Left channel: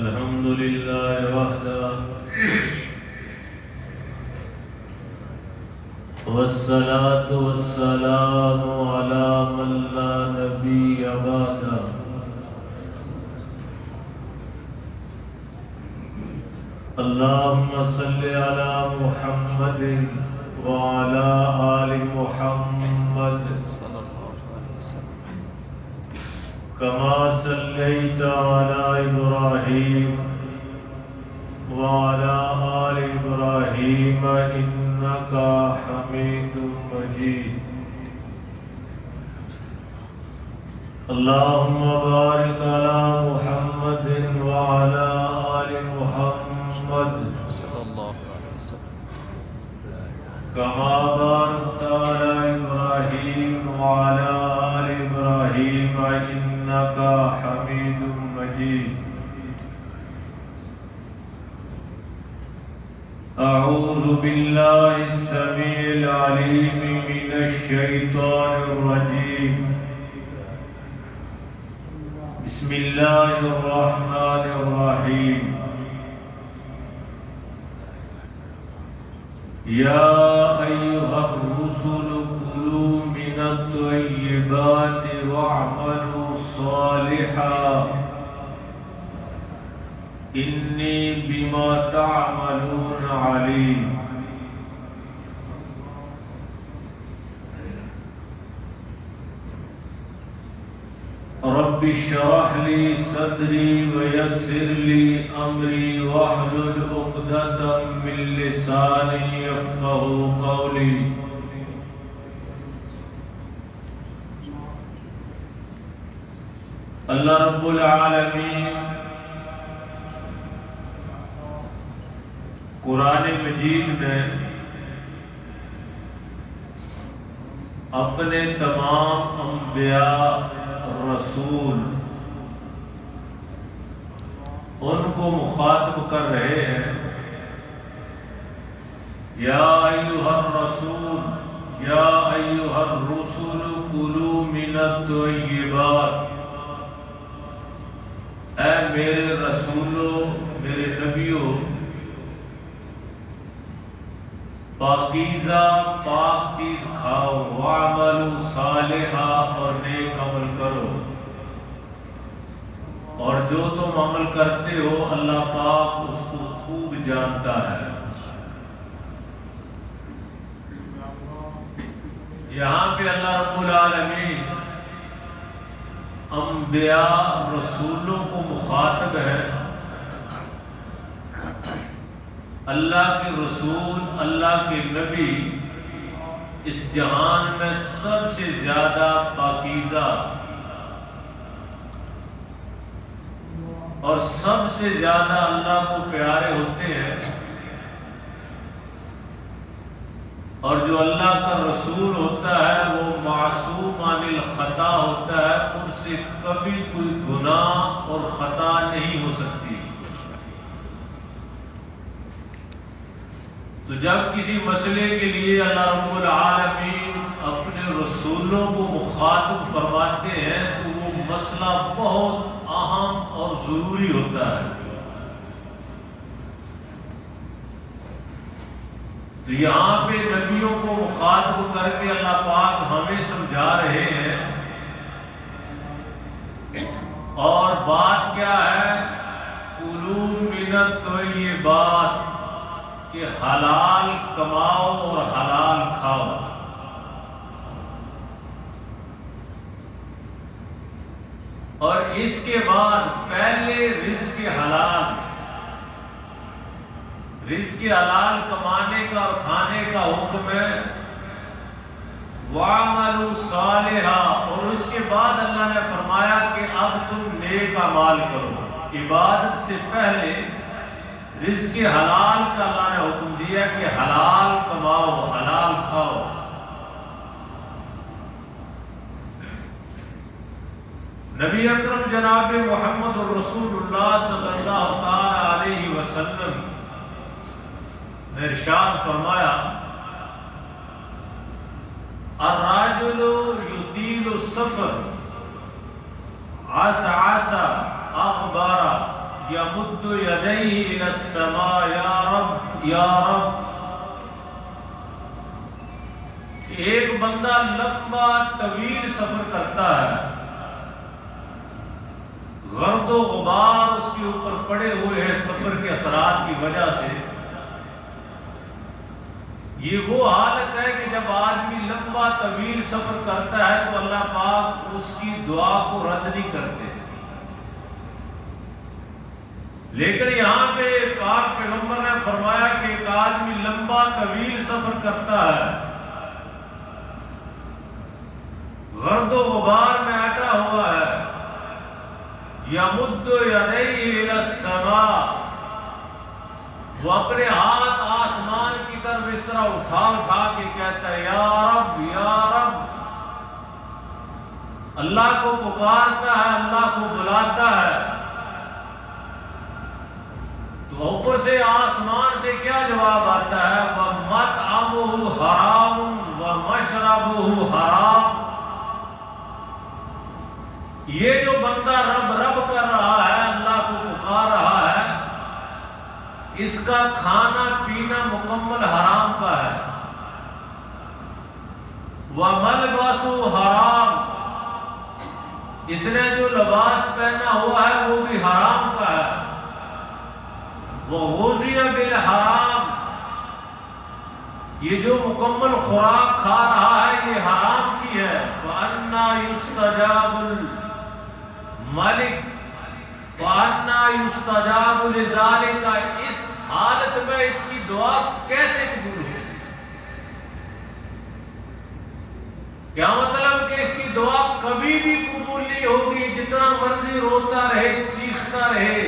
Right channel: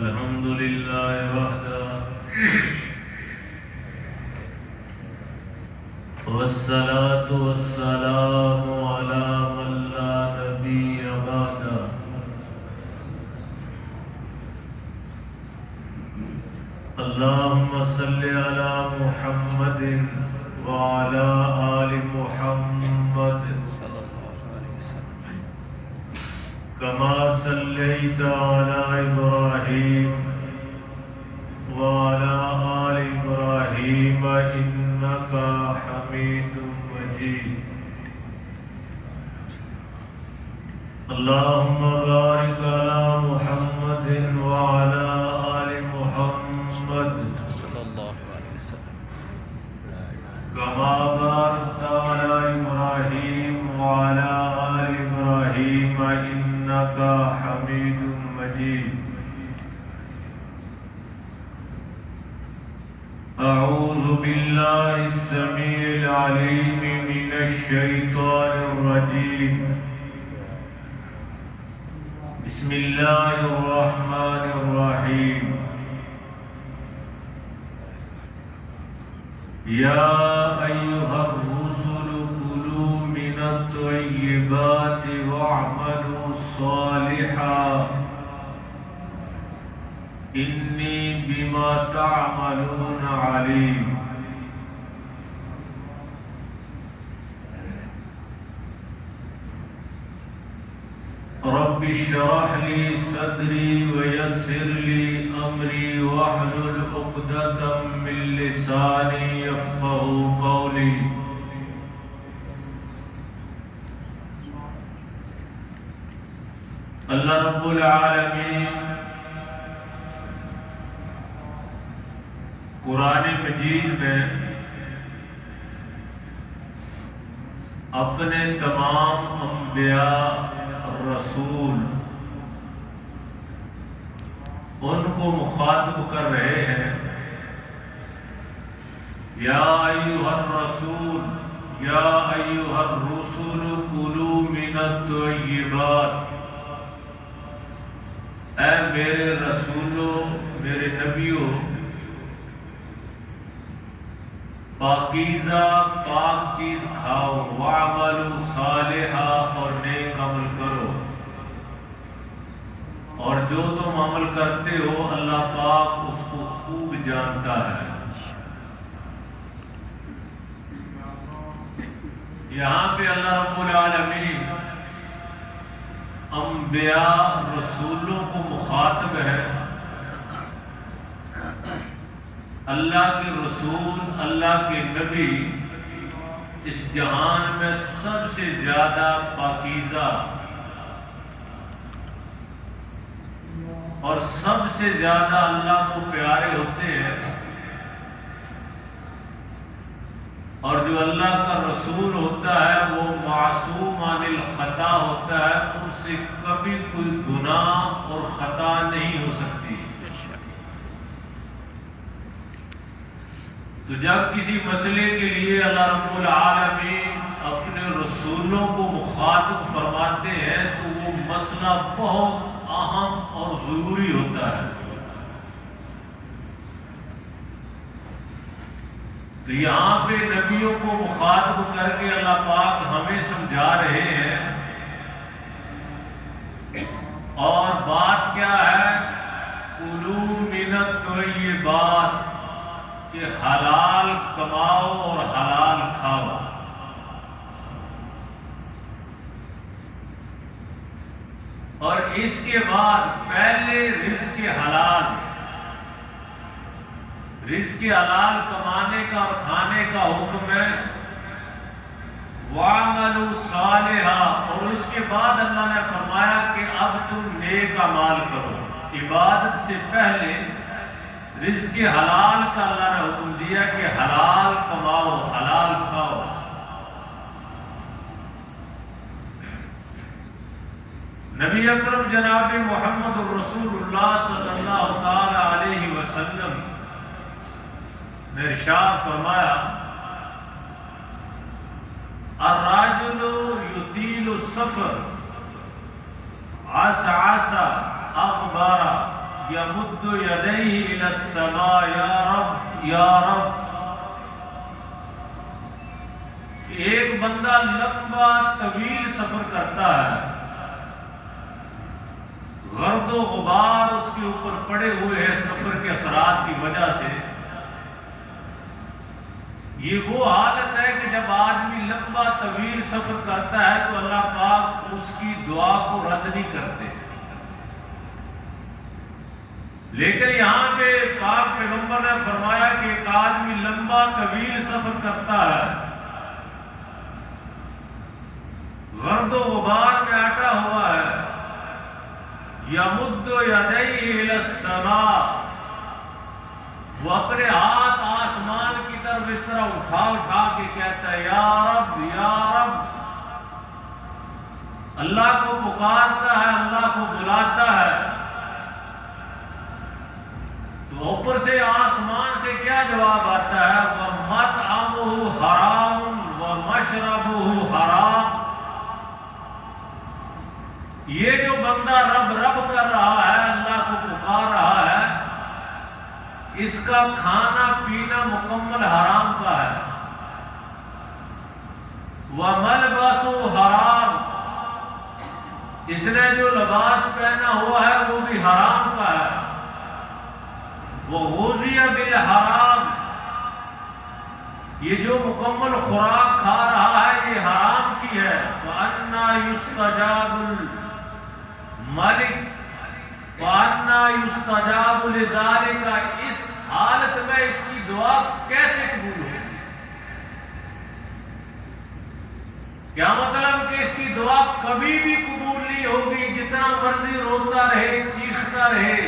الحمد لله وحده والصلاة والسلام على من لا نبي بعده اللهم صل على محمد وعلى آل محمد صلی اللہ علیہ وسلم كما صليت على إبراهيم وعلى آل إبراهيم إنك حميد مجيد اللهم بارك على محمد وعلى آل محمد صلی اللہ علیہ وسلم كما باركت على إبراهيم وعلى آل إبراهيم إنك حميد مجيد أعوذ بالله السميع العليم من الشيطان الرجيم بسم الله الرحمن الرحيم يا أيها الرسل كلوا من الطيبات واعملوا صالحا إني بما تعملون عليم رب اشرح لي صدري ويسر لي أمري واحلل عقدة من لساني يفقهوا قولي اللہ رب العالمین قرآن مجید میں اپنے تمام انبیاء رسول ان کو مخاطب کر رہے ہیں یا ایھا الرسول یا ایھا الرسل کلوا من الطیبات، اے میرے رسولوں میرے نبیوں پاکیزہ پاک چیز کھاؤ، وَاعْمَلُوا صَالِحًا اور نیک عمل کرو، اور جو تم عمل کرتے ہو اللہ پاک اس کو خوب جانتا ہے۔ یہاں پہ اللہ رب العالمین انبیاء رسولوں کو مخاطب ہے۔ اللہ کے رسول اللہ کے نبی اس جہان میں سب سے زیادہ پاکیزہ اور سب سے زیادہ اللہ کو پیارے ہوتے ہیں، اور جو اللہ کا رسول ہوتا ہے وہ معصوم عن الخطا ہوتا ہے، ان سے کبھی کوئی گناہ اور خطا نہیں ہو سکتی۔ تو جب کسی مسئلے کے لیے اللہ رب العالمین اپنے رسولوں کو مخاطب فرماتے ہیں تو وہ مسئلہ بہت اہم اور ضروری ہوتا ہے۔ تو یہاں پہ نبیوں کو مخاطب کر کے اللہ پاک ہمیں سمجھا رہے ہیں، اور بات کیا ہے؟ کلوا من الطیبات، کہ حلال کماؤ اور حلال کھاؤ۔ اور اس کے بعد پہلے رزق حلال کمانے کا اور کھانے کا حکم ہے، وَاعْمَلُوا صَالِحًا، اور اس کے بعد اللہ نے فرمایا کہ اب تم نیک اعمال کرو۔ عبادت سے پہلے رزق حلال کا اللہ نے حکم دیا کہ حلال کماؤ حلال کھاؤ۔ نبی اکرم جناب محمد رسول اللہ صلی اللہ علیہ وسلم نے ارشاد فرمایا، الراجل یطیل السفر عسعس اغبر یمد یدیہ الی السماء یا رب یا رب. ایک بندہ لمبا طویل سفر کرتا ہے، گرد و غبار اس کے اوپر پڑے ہوئے ہیں سفر کے اثرات کی وجہ سے. یہ وہ حالت ہے کہ جب آدمی لمبا طویل سفر کرتا ہے تو اللہ پاک اس کی دعا کو رد نہیں کرتے. لیکن یہاں پہ پاک پیغمبر نے فرمایا کہ ایک آدمی لمبا طویل سفر کرتا ہے، گرد و غبار میں اٹا ہوا ہے، یمد یدیہ الی السماء، وہ اپنے ہاتھ آسمان کی طرف اس طرح اٹھا اٹھا کے کہتا ہے یا رب یا رب. اللہ کو پکارتا ہے، اللہ کو بلاتا ہے. تو اوپر سے آسمان سے کیا جواب آتا ہے؟ وَمَطْعَمُهُ حَرَامٌ وَمَشْرَبُهُ حَرَامٌ. یہ جو بندہ رب رب کر رہا ہے، اللہ کو پکار رہا ہے، اس کا کھانا پینا مکمل حرام کا ہے. وَمَلْبَسُهُ حَرَامٌ، اس نے جو لباس پہنا ہوا ہے وہ بھی حرام کا ہے. وَغُذِيَ بِالْحَرَامِ، یہ جو مکمل خوراک کھا رہا ہے یہ حرام کی ہے. فَأَنَّا يُسْتَجَابُ الْمَلِكُ وَأَنَّا يُسْتَجَابُ لِذَلِكَ، اس حالت میں اس کی دعا کیسے قبول ہوگی؟ کیا مطلب کہ اس کی دعا کبھی بھی قبول نہیں ہوگی؟ جتنا مرضی روتا رہے، چیختا رہے،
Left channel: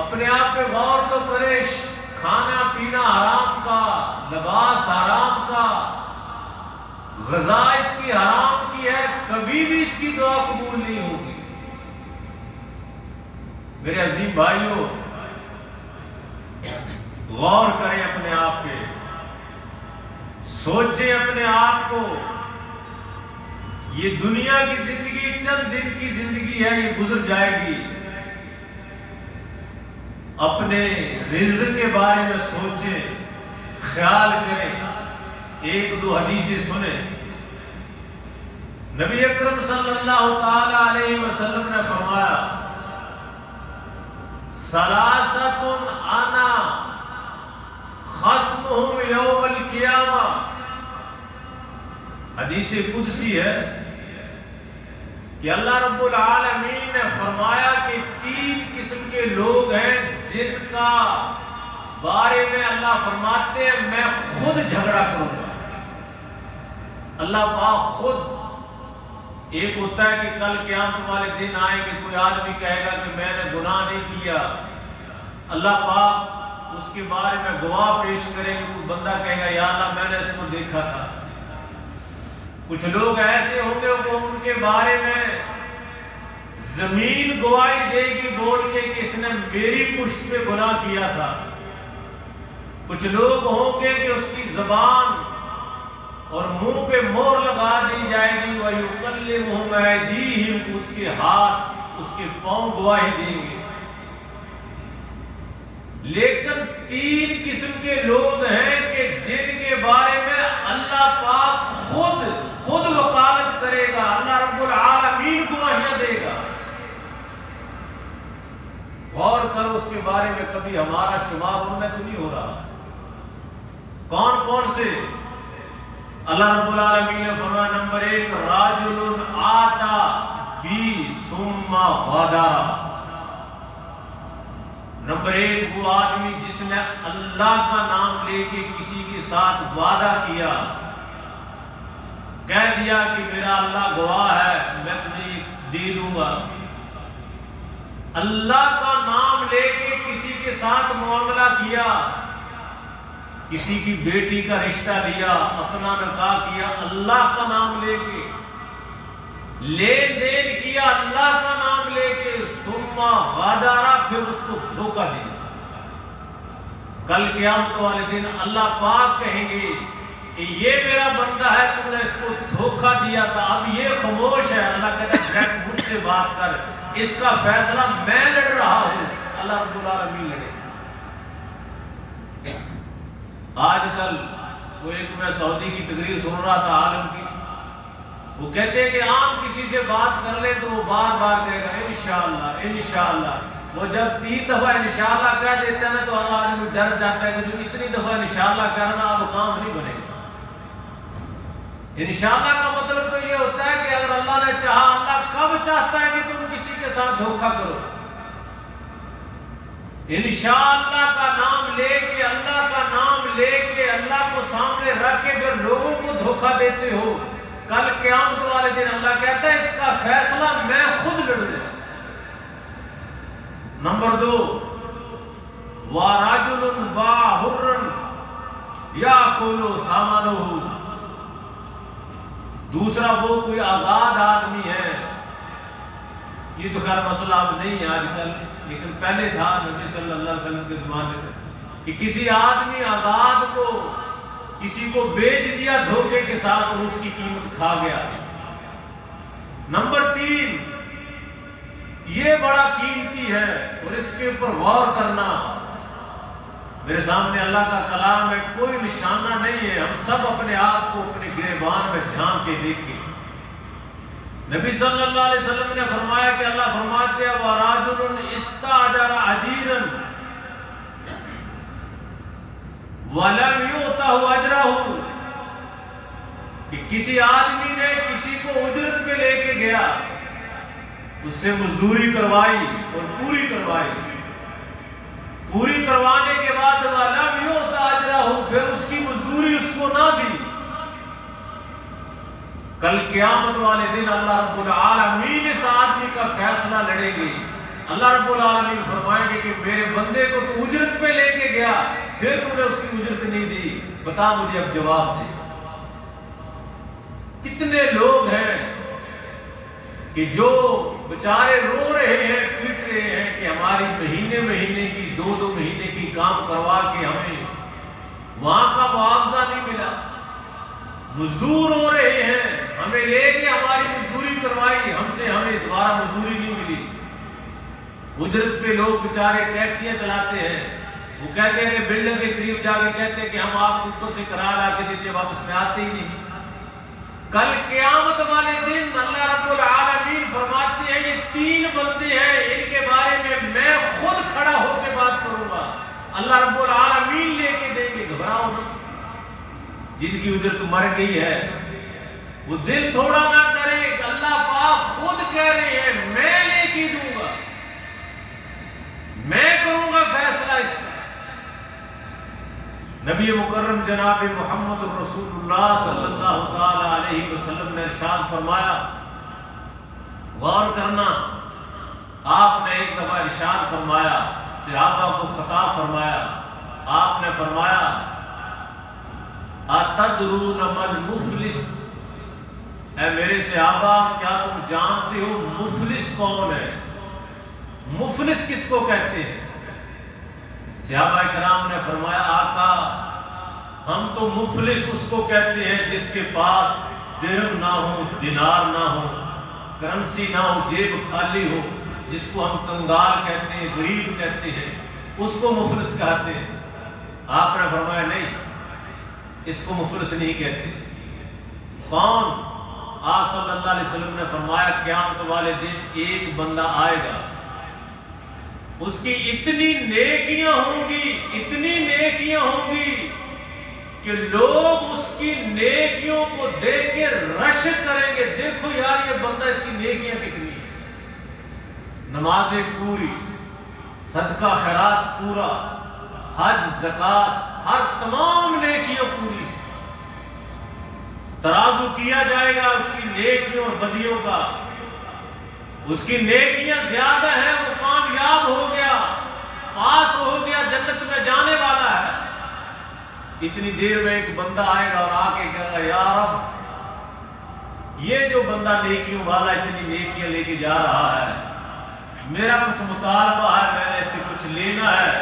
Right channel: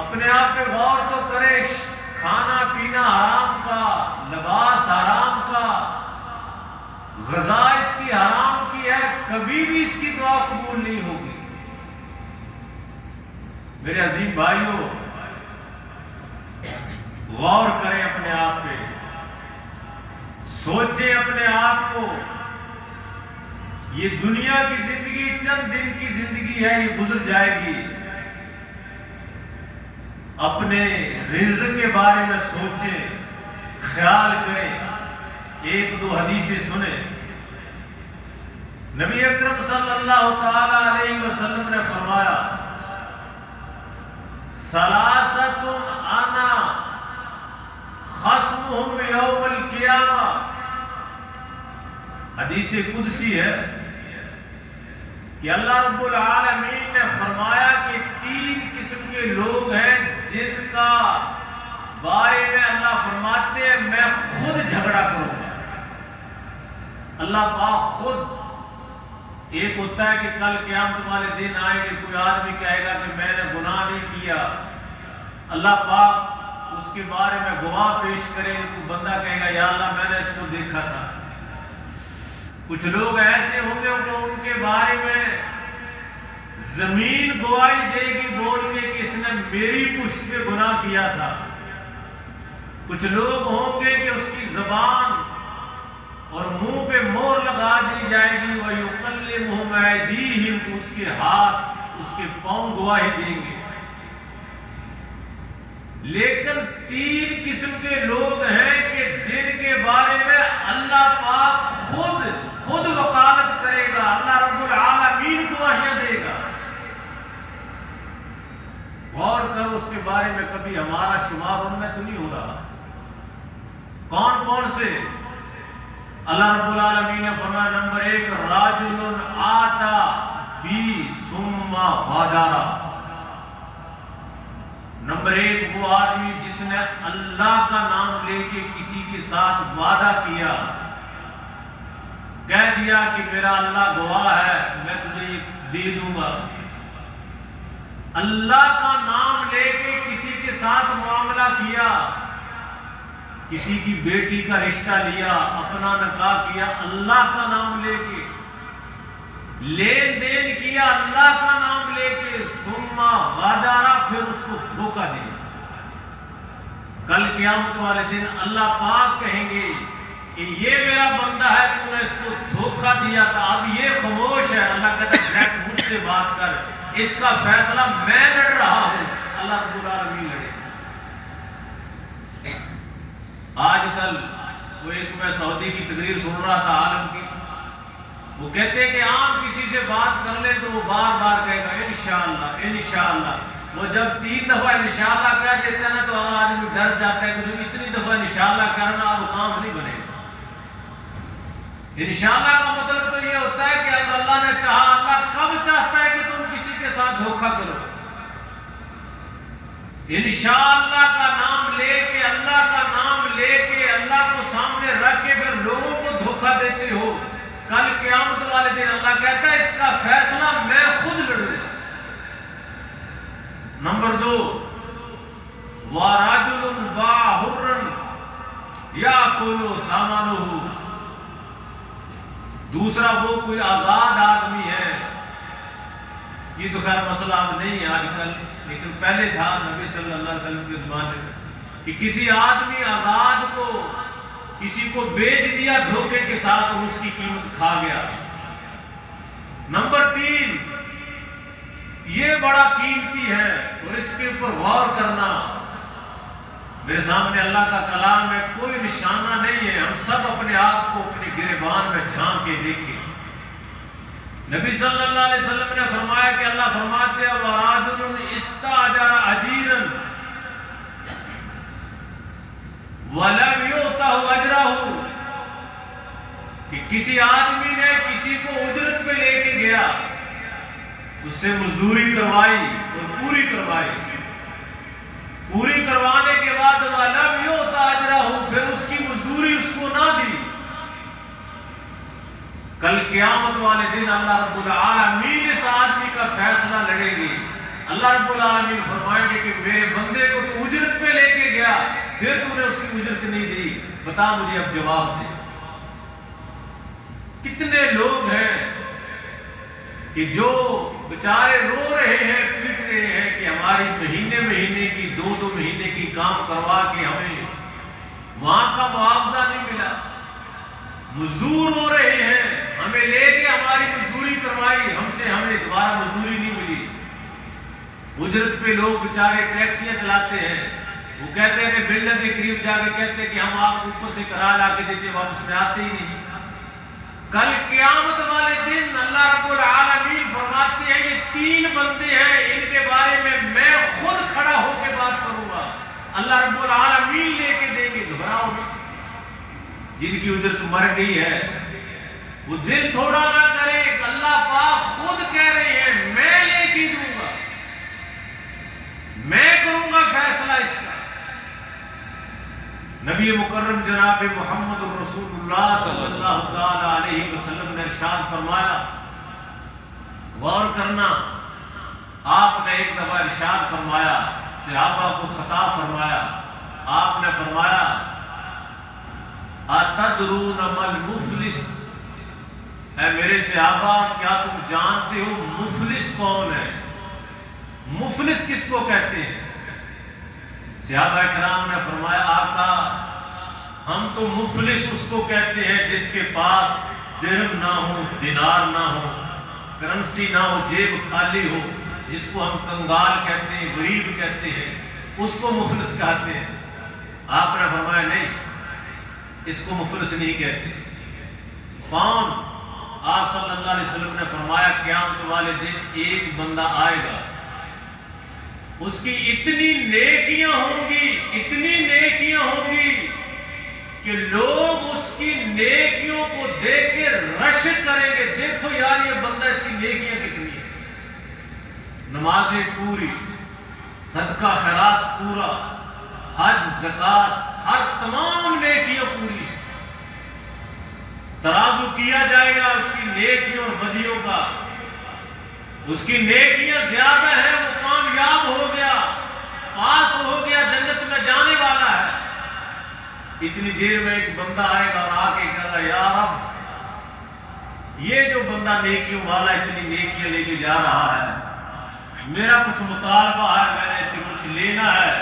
اپنے آپ پہ غور تو کرے. کھانا پینا حرام کا، لباس حرام کا، غذا اس کی حرام کی ہے، کبھی بھی اس کی دعا قبول نہیں ہوگی. میرے عظیم بھائیوں، غور کریں اپنے آپ پہ، سوچیں اپنے آپ کو. یہ دنیا کی زندگی چند دن کی زندگی ہے، یہ گزر جائے گی. اپنے رزق کے بارے میں سوچیں، خیال کریں. ایک دو حدیثیں سنیں. نبی اکرم صلی اللہ تعالی علیہ وسلم نے فرمایا ثلاثۃ انا خصمہم یوم القیامہ. حدیث قدسی ہے کہ اللہ رب العالمین نے فرمایا کہ 3 قسم کے لوگ ہیں جن کا بارے میں اللہ فرماتے ہیں میں خود جھگڑا کروں گا. اللہ پاک خود. ایک ہوتا ہے کہ کل قیامت والے دن آئے کہ کوئی آدمی کہے گا کہ میں نے گناہ نہیں کیا، اللہ پاک اس کے بارے میں گواہ پیش کرے گا. کوئی بندہ کہے گا یا اللہ میں نے اس کو دیکھا تھا. کچھ لوگ ایسے ہوں گے کہ ان کے بارے میں زمین گواہی دے گی بول کے کہ اس نے میری پشت پہ گناہ کیا تھا. کچھ لوگ ہوں گے کہ اس کی زبان اور منہ پہ مہر لگا دی جائے گی. وَيُكَلِّمُهُمْ أَيْدِيهِمْ، اس کے ہاتھ اس کے پاؤں گواہی دیں گے. لیکن 3 قسم کے لوگ ہیں کہ جن کے بارے میں اللہ پاک خود وکالت کرے گا، اللہ رب العالمین گواہیاں دے گا. غور کرو اس کے بارے میں، کبھی ہمارا شمار ان میں تو نہیں ہو رہا. کون کون سے؟ اللہ رب العالمین نے فرمایا نمبر 1 راجل آتا بی ثم غدر. نمبر 1 وہ آدمی جس نے اللہ کا نام لے کے کسی کے ساتھ وعدہ کیا، کہہ دیا کہ میرا اللہ گواہ ہے میں تجھے یہ دے دوں گا. اللہ کا نام لے کے کسی کے ساتھ معاملہ کیا، کسی کی بیٹی کا رشتہ لیا، اپنا نکاح کیا اللہ کا نام لے کے، لین دین کیا اللہ کا نام لے کے، ثم غدر، پھر اس کو دھوکہ دیا. کل قیامت والے دن اللہ پاک کہیں گے کہ یہ میرا بندہ ہے، تو نے اس کو دھوکہ دیا تھا، اب یہ خاموش ہے. اللہ کہتا ہے مجھ سے بات کر، اس کا فیصلہ میں لڑ رہا ہوں. اللہ آج کل وہ ایک میں سعودی کی تقریر سن رہا تھا عالم کی، وہ کہتے ہیں کہ عام کسی سے بات کر لیں تو وہ بار بار کہے گا انشاءاللہ انشاءاللہ۔ وہ جب 3 دفعہ انشاءاللہ کہہ دیتا ہے نا تو آدمی ڈر جاتا ہے کہ جو اتنی دفعہ انشاءاللہ کرنا اب کام نہیں بنے گا۔ انشاءاللہ کا مطلب تو یہ ہوتا ہے کہ اگر اللہ نے چاہا، اللہ کب چاہتا ہے کہ تم کسی کے ساتھ دھوکہ کرو؟ انشاءاللہ کا نام لے کے، اللہ کا نام لے کے، اللہ کو سامنے رکھ کے پھر لوگوں کو دھوکہ دیتے ہو، کل قیامت والے دن اللہ کہتا ہے اس کا فیصلہ میں خود لڑوں گا۔ نمبر 2، وَرَجُلٌ بَاعَ حُرًّا يَأْكُلُ ثَمَنَهُ، دوسرا وہ کوئی آزاد آدمی ہے، یہ تو خیر مسئلہ اب نہیں ہے آج کل، لیکن پہلے تھا نبی صلی اللہ علیہ وسلم کے زمانے میں، کہ کسی آدمی آزاد کو کسی کو بیچ دیا دھوکے کے ساتھ اور اس کی قیمت کھا گیا۔ نمبر 3، یہ بڑا قیمتی ہے اور اس کے اوپر غور کرنا۔ میرے سامنے اللہ کا کلام میں کوئی نشانہ نہیں ہے، ہم سب اپنے آپ کو اپنے گریبان میں جھانک کے دیکھیں۔ نبی صلی اللہ علیہ وسلم نے فرمایا کہ اللہ فرماتے ہیں وَرَجُلٌ اسْتَأْجَرَ أَجِيرًا وَلَمْ يُؤْتَهُ أَجْرَهُ، کہ کسی آدمی نے کسی کو اجرت پہ لے کے گیا، اس سے مزدوری کروائی اور پوری کروائی، پوری کروانے کے بعد وَلَمْ يُؤْتَ أَجْرَهُ، پھر اس کی مزدوری اس کو نہ دی، کل قیامت والے دن اللہ رب العالمین اس آدمی کا فیصلہ لڑیں گے۔ اللہ رب العالمین فرمائیں گے کہ میرے بندے کو تو اجرت پہ لے کے گیا، پھر تو نے اس کی اجرت نہیں دی، بتا مجھے اب جواب دے۔ کتنے لوگ ہیں کہ جو بیچارے رو رہے ہیں، پیٹ رہے ہیں کہ ہماری مہینے مہینے کی 2 مہینے کی کام کروا کے ہمیں وہاں کا معاوضہ نہیں ملا، مزدور ہو رہے ہیں، ہمیں لے کے ہماری مزدوری کروائی، ہمیں دوبارہ مزدوری نہیں ملی۔ اجرت پہ لوگ بیچارے ٹیکسیاں چلاتے ہیں، وہ کہتے ہیں کہ بلڈنگ کے قریب جا کے کہتے ہیں کہ ہم آپ کو اوپر سے کرایہ لا کے دیتے ہیں، واپس میں آتے ہی نہیں۔ کل قیامت والے دن اللہ رب العالمین فرماتے ہیں یہ 3 بندے ہیں، ان کے بارے میں خود کھڑا ہو کے بات کروں گا، اللہ رب العالمین لے کے دیں گے، گھبراؤ نہیں۔ جن کی اجرت مر گئی ہے وہ دل تھوڑا نہ کرے کہ اللہ پاک خود کہہ رہے ہیں میں لے کے دوں گا، میں کروں گا فیصلہ اس کا۔ نبی مکرم جناب محمد رسول اللہ صلی اللہ تعالی علیہ وسلم نے ارشاد فرمایا، غور کرنا، آپ نے ایک دفعہ ارشاد فرمایا، صحابہ کو خطاب فرمایا، آپ نے فرمایا اتدرون مل مفلس، اے میرے صحابہ کیا تم جانتے ہو مفلس کون ہے؟ مفلس کس کو کہتے ہیں؟ صحابہ کرام نے فرمایا آقا ہم تو مفلس اس کو کہتے ہیں جس کے پاس درہم نہ ہو، دینار نہ ہو، کرنسی نہ ہو، جیب خالی ہو، جس کو ہم کنگال کہتے ہیں، غریب کہتے ہیں، اس کو مفلس کہتے ہیں۔ آپ نے فرمایا نہیں، اس کو مفلس نہیں کہتے۔ کون؟ آپ صلی اللہ علیہ وسلم نے فرمایا قیامت والے دن ایک بندہ آئے گا، اس کی اتنی نیکیاں ہوں گی، اتنی نیکیاں ہوں گی کہ لوگ اس کی نیکیوں کو دیکھ کے رشک کریں گے، دیکھو یار یہ بندہ اس کی نیکیاں کتنی ہیں، نمازیں پوری، صدقہ خیرات پورا، حج زکوٰۃ ہر تمام نیکیاں پوری، ترازو کیا جائے گا اس کی نیکیوں اور بدیوں کا، اس کی نیکیاں زیادہ ہیں، وہ کامیاب ہو گیا، پاس ہو گیا، جنت میں جانے والا ہے۔ اتنی دیر میں ایک بندہ آئے گا اور آ کے کہے گا یا رب یہ جو بندہ نیکیوں والا اتنی نیکیاں لے کے جا رہا ہے، میرا کچھ مطالبہ ہے، میں نے اس سے کچھ لینا ہے،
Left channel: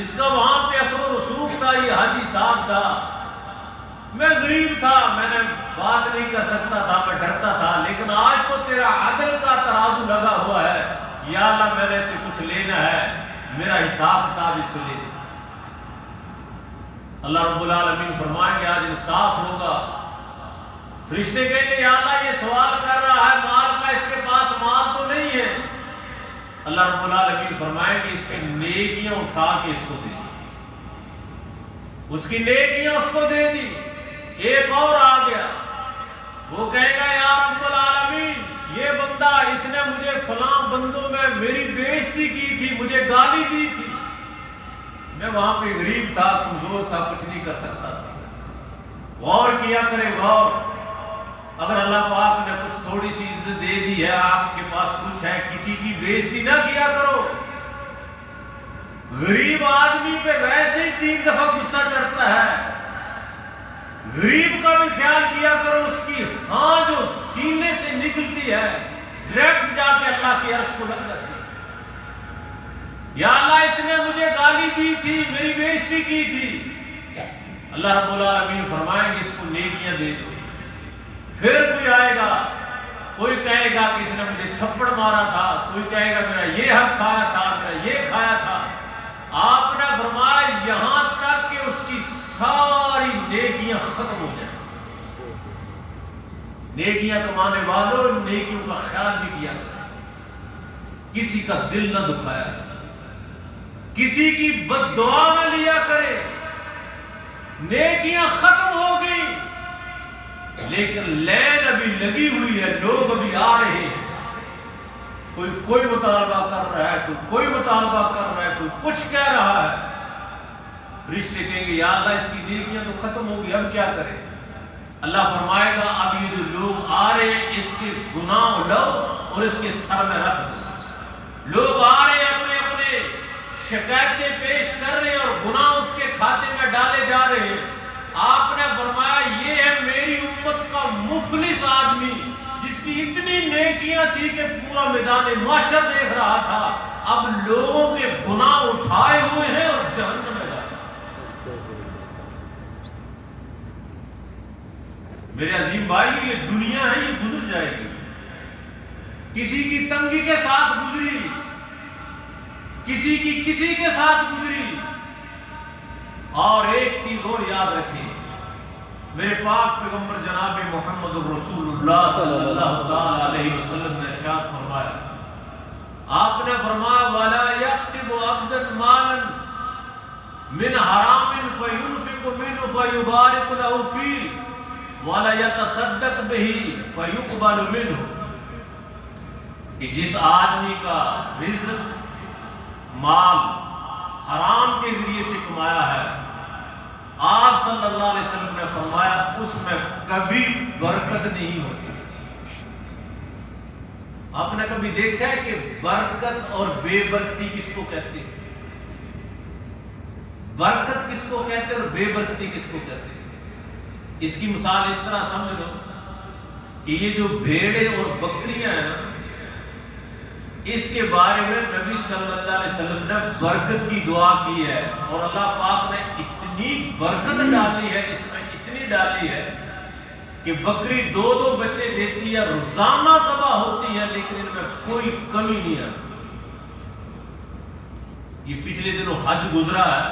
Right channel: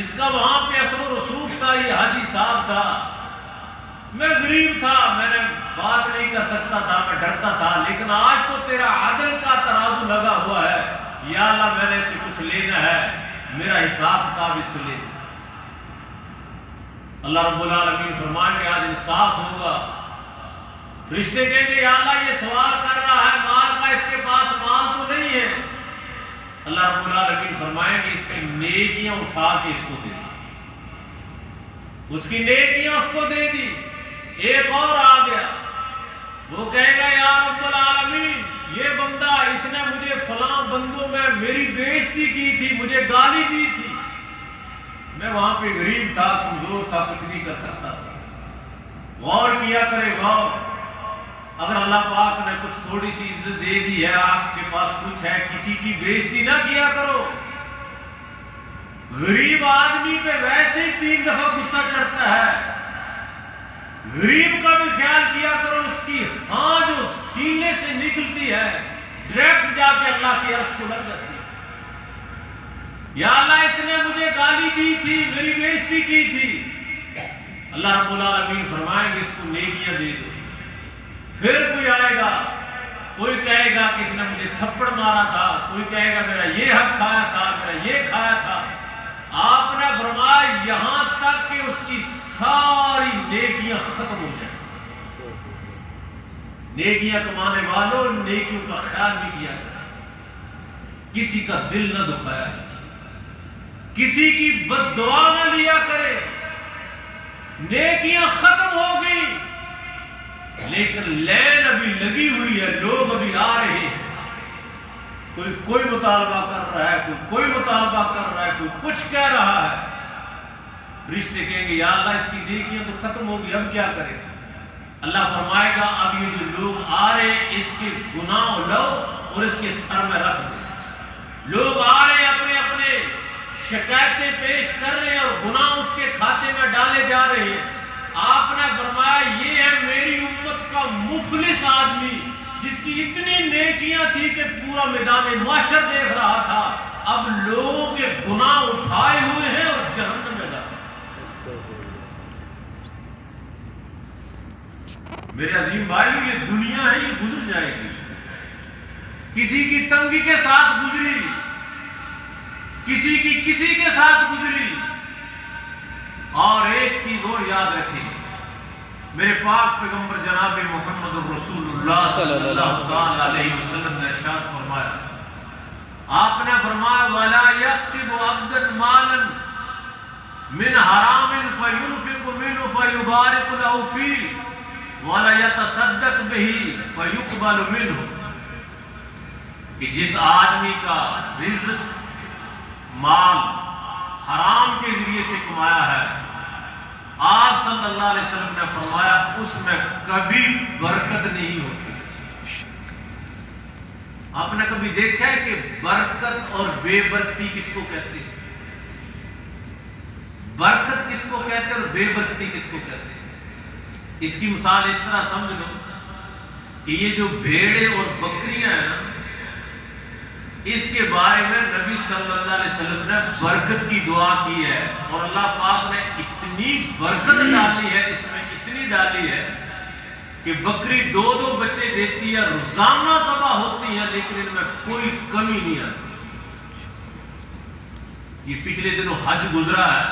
اس کا وہاں پہ اثر و رسوخ تھا، یہ حاجی صاحب تھا، میں غریب تھا، میں نے بات نہیں کر سکتا تھا، میں ڈرتا تھا، لیکن آج تو تیرا عدل کا ترازو لگا ہوا ہے، یا اللہ میں نے اس سے کچھ لینا ہے، میرا حساب کتاب اس سے لے۔ اللہ رب العالمین فرمائیں گے آج انصاف ہوگا. فرشتے کہیں گے یا اللہ یہ سوال کر رہا ہے مال کا, اس کے پاس مال تو نہیں ہے. اللہ رب العالمین فرمائیں گے اس کی نیکیاں اٹھا کے اس کو دے دی, اس کی نیکیاں اس کو دے دی. ایک اور آ گیا, وہ کہے گا یا رب العالمین یہ بندہ اس نے مجھے فلاں بندوں میں میری بےعزتی کی تھی, مجھے گالی دی تھی, میں وہاں پہ غریب تھا, کمزور تھا, کچھ نہیں کر سکتا تھا. غور کیا کرے غور. اگر اللہ پاک نے کچھ تھوڑی سی عزت دے دی ہے, آپ کے پاس کچھ ہے, کسی کی بےعزتی نہ کیا کرو. غریب آدمی پہ ویسے ہی 3 دفعہ غصہ چڑھتا ہے. غریب کا بھی خیال کیا کرو, اس کی ہاں جو سینے سے نکلتی ہے ڈائریکٹ جا کے اللہ کے عرش کو لگ جاتی ہے. یا اللہ اس نے مجھے گالی دی تھی, میری بےعزتی کی تھی. اللہ رب العالمین فرمائیں گے اس کو نیکیاں دے دو. پھر کوئی آئے گا, کوئی کہے گا کہ اس نے مجھے تھپڑ مارا تھا, کوئی کہے گا میرا یہ حق کھایا تھا, میرا یہ کھایا تھا. آپ نے فرمایا یہاں تک کہ اس کی ساری نیکیاں ختم ہو جائیں. نیکیاں کمانے والوں نیکیوں کا خیال بھی کیا کرے, کسی کا دل نہ دکھایا کرے, کسی کی بد دعا نہ لیا کرے. نیکیاں ختم ہوگی لیکن لین ابھی لگی ہوئی ہے, لوگ ابھی آ رہے ہیں. کوئی مطالبہ کر رہا ہے, کوئی مطالبہ کر رہا ہے, کوئی کچھ کہہ رہا ہے. فرشتے کہیں گے یا اللہ اس کی نیکیاں تو ختم ہوگی, اب کیا کریں. اللہ فرمائے گا اب یہ جو لوگ آ رہے ہیں اس کے گناہ لو اور اس کے سر میں رکھ دو. لوگ آ رہے ہیں اپنے اپنے شکایتیں پیش کر رہے ہیں اور گناہ اس کے کھاتے میں ڈالے جا رہے ہیں. آپ نے فرمایا یہ ہے میری امت کا مفلس آدمی جس کی اتنی نیکیاں تھی کہ پورا میدان محشر دیکھ رہا تھا, اب لوگوں کے گناہ اٹھائے ہوئے ہیں اور جہنم میں جا رہے ہیں. میرے عظیم بھائی یہ دنیا ہے, یہ گزر جائے گی. کسی کی تنگی کے ساتھ گزری, کسی کی کسی کے ساتھ گزری. اور ایک چیز اور یاد رکھیں, میرے پاک پیغمبر جناب محمد رسول اللہ صلی اللہ علیہ وسلم نے ارشاد فرمایا, آپ نے فرمایا وَلَا يَقْسِبُ عَبْدًا مَالًا مِنْ حَرَامٍ فَيُنْفِقُ مِنْهُ فَيُبَارِكُ لَهُ فِيهِ وَلَا يَتَصَدَّقْ بِهِ فَيُقْبَلُ مِنْهُ. کہ جس آدمی کا رزق مال حرام کے ذریعے سے کمایا ہے, آپ صلی اللہ علیہ وسلم نے فرمایا اس میں کبھی برکت نہیں ہوتی. آپ نے کبھی دیکھا ہے کہ برکت اور بے برکتی کس کو کہتے ہیں؟ برکت کس کو کہتے ہیں اور بے برکتی کس کو کہتے ہیں؟ اس کی مثال اس طرح سمجھ لو کہ یہ جو بھیڑیں اور بکریاں ہیں نا, اس کے بارے میں نبی صلی اللہ علیہ وسلم نے برکت کی دعا کی ہے, اور اللہ پاک نے اتنی برکت ڈالی ہے, اس میں اتنی ڈالی ہے کہ بکری 2 بچے دیتی ہے, روزانہ ذبح ہوتی ہے, لیکن ان میں کوئی کمی نہیں آتی. یہ پچھلے دنوں حج گزرا ہے,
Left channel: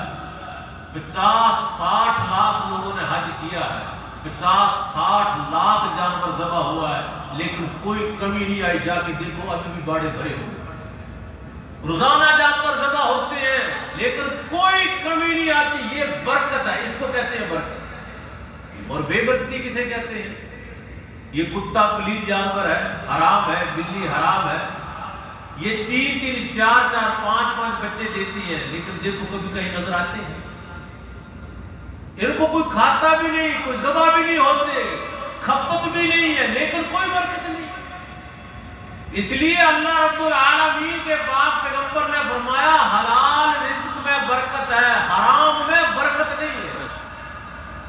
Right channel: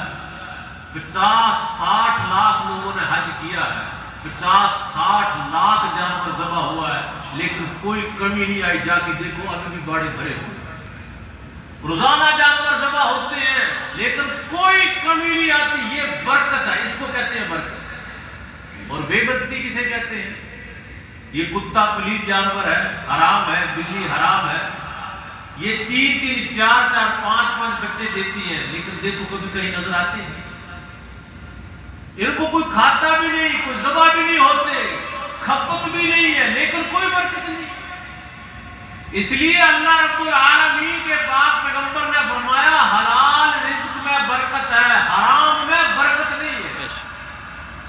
50-60 لاکھ لوگوں نے حج کیا ہے, 50-60 لاکھ جانور ذبح ہوا ہے, لیکن کوئی کمی نہیں آئی. جا کے دیکھو ابھی بھی باڑے بھرے ہوئے, روزانہ جانور ذبح ہوتے ہیں لیکن کوئی کمی نہیں آتی. یہ برکت ہے, اس کو کہتے ہیں برکت. اور بے برکتی کسے کہتے ہیں؟ یہ کتا پلید جانور ہے, حرام ہے, بلی حرام ہے, یہ 3-3, 4-4, 5-5 بچے دیتی ہیں, لیکن دیکھو کبھی کہیں نظر آتے ہیں. ان کو کوئی کھاتا بھی نہیں, کوئی ذبح بھی نہیں ہوتے, کھپت بھی نہیں ہے, لیکن کوئی برکت نہیں. اس لیے اللہ رب العالمین کے پاک پیغمبر نے فرمایا حلال رزق میں برکت ہے, حرام میں برکت نہیں ہے.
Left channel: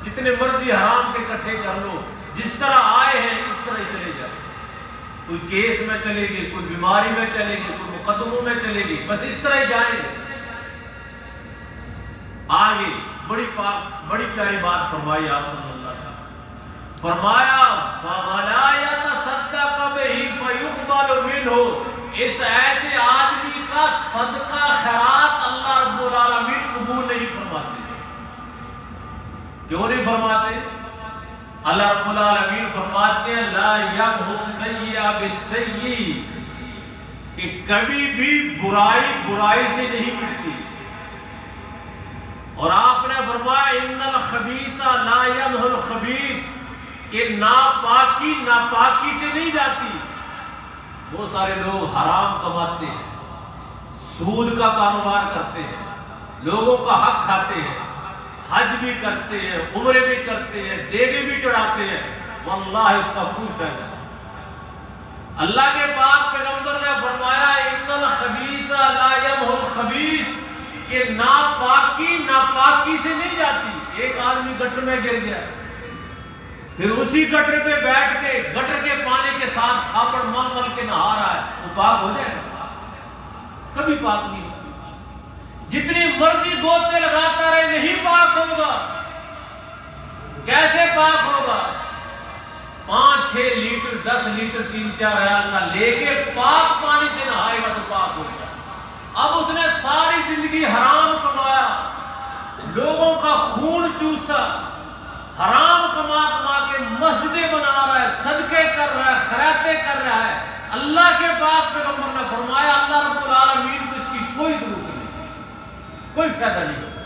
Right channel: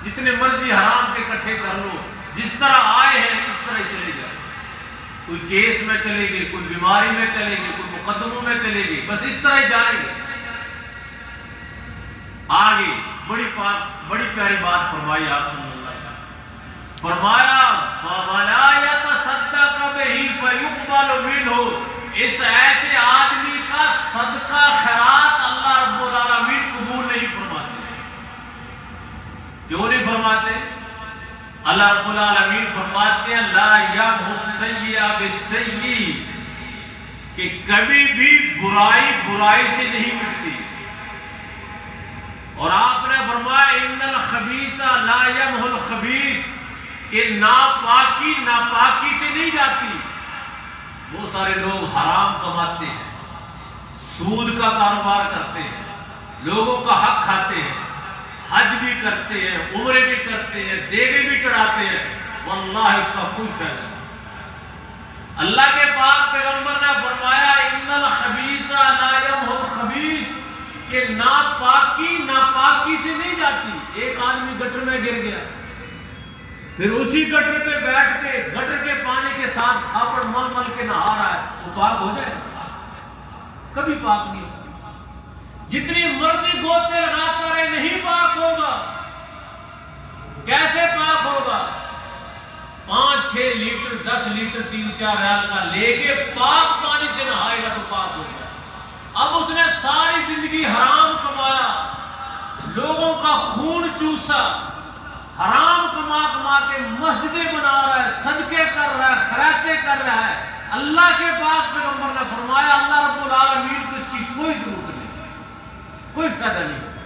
جتنے مرضی حرام کے اکٹھے کر لو, جس طرح آئے ہیں اس طرح ہی چلے جائیں. کوئی کیس میں چلے گئے, کوئی بیماری میں چلے گئے, کوئی مقدموں میں چلے گئے, بس اس طرح ہی جائیں گے. آگے بڑی پیاری بات فرمائی آپ صلی اللہ علیہ وسلم. فرمایا فَوَلَا يَتَصَدَّقَ بِهِ فَيُقْبَلُ مِنْهُ. اس ایسے آدمی کا صدقہ خیرات اللہ رب العالمین قبول نہیں فرماتے. اللہ رب العالمین فرماتے ہیں لا یمحو السیئ بالسیئ، کہ کبھی بھی برائی برائی سے نہیں مٹتی۔ اور آپ نے فرمایا ان الخبیث لا یمحو الخبیث، کہ ناپاکی ناپاکی سے نہیں جاتی۔ بہت سارے لوگ حرام کماتے ہیں، سود کا کاروبار کرتے ہیں، لوگوں کا حق کھاتے ہیں، حج بھی کرتے ہیں، عمرے بھی کرتے ہیں، دیگے بھی چڑھاتے ہیں، واللہ اس کا کوئی فائدہ نہیں۔ اللہ کے پاک پیغمبر نے فرمایا ان الخبیث لا یمحو الخبیث، کہ ناپاکی ناپاکی سے نہیں جاتی۔ ایک آدمی گٹر میں گر گیا، پھر اسی گٹر پہ بیٹھ کے گٹر کے پانی کے ساتھ صابن مل مل کے نہا رہا ہے، وہ پاک ہو جائے گا؟ کبھی پاک نہیں۔ جتنی مرضی گوتے لگاتا رہے نہیں پاک ہوگا۔ کیسے پاک ہوگا؟ 5-6 لیٹر 10 لیٹر 3-4 ریال کا لے کے پاک پانی سے نہائے گا تو پاک ہوگا۔ اب اس نے ساری زندگی حرام کمایا، لوگوں کا خون چوسا، حرام کما کما کے مسجدیں بنا رہا ہے، صدقے کر رہا ہے، خیراتیں کر رہا ہے۔ اللہ کے پاک پیغمبر نے فرمایا اللہ رب العالمین کو اس کی کوئی ضرورت نہیں، کوئی فائدہ نہیں ہوگا۔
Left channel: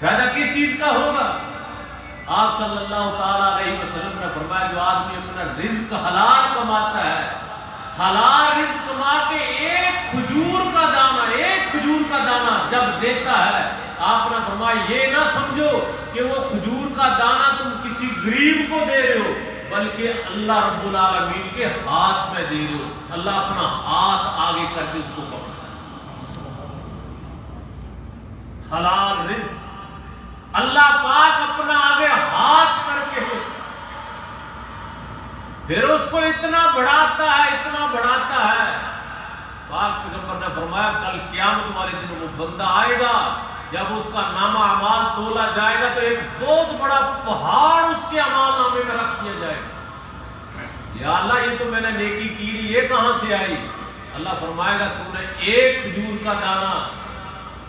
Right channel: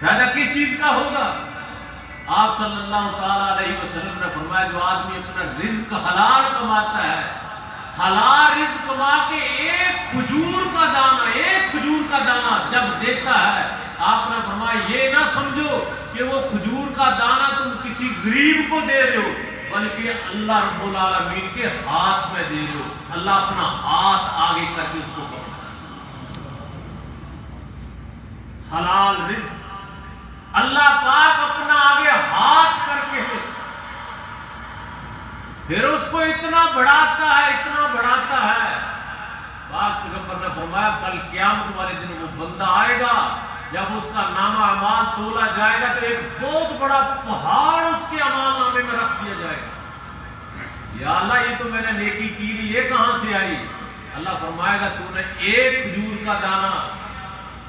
فائدہ کس چیز کا ہوگا؟ آپ صلی اللہ تعالیٰ علیہ وسلم نے فرمایا جو آدمی اپنا رزق حلال کماتا ہے، حلال رزق کما کے ایک کھجور کا دانہ جب دیتا ہے، آپ نے فرمایا یہ نہ سمجھو کہ وہ کھجور کا دانہ تم کسی غریب کو دے رہے ہو، بلکہ اللہ رب العالمین کے ہاتھ میں دے رہے ہو۔ اللہ اپنا ہاتھ آگے کر کے اس کو پکڑتا ہے۔ حلال رزق اللہ پاک اپنا آگے ہاتھ کر کے پھر اس کو اتنا بڑھاتا ہے۔ پاک پیغمبر نے فرمایا کل قیامت والے دن وہ بندہ آئے گا، جب اس کا نامہ اعمال تولا جائے گا تو ایک بہت بڑا پہاڑ اس کے اعمال نامے میں رکھ دیا جائے گا۔ یا اللہ یہ تو میں نے نیکی کی نہیں، یہ کہاں سے آئی؟ اللہ فرمائے گا تو نے ایک کھجور کا دانہ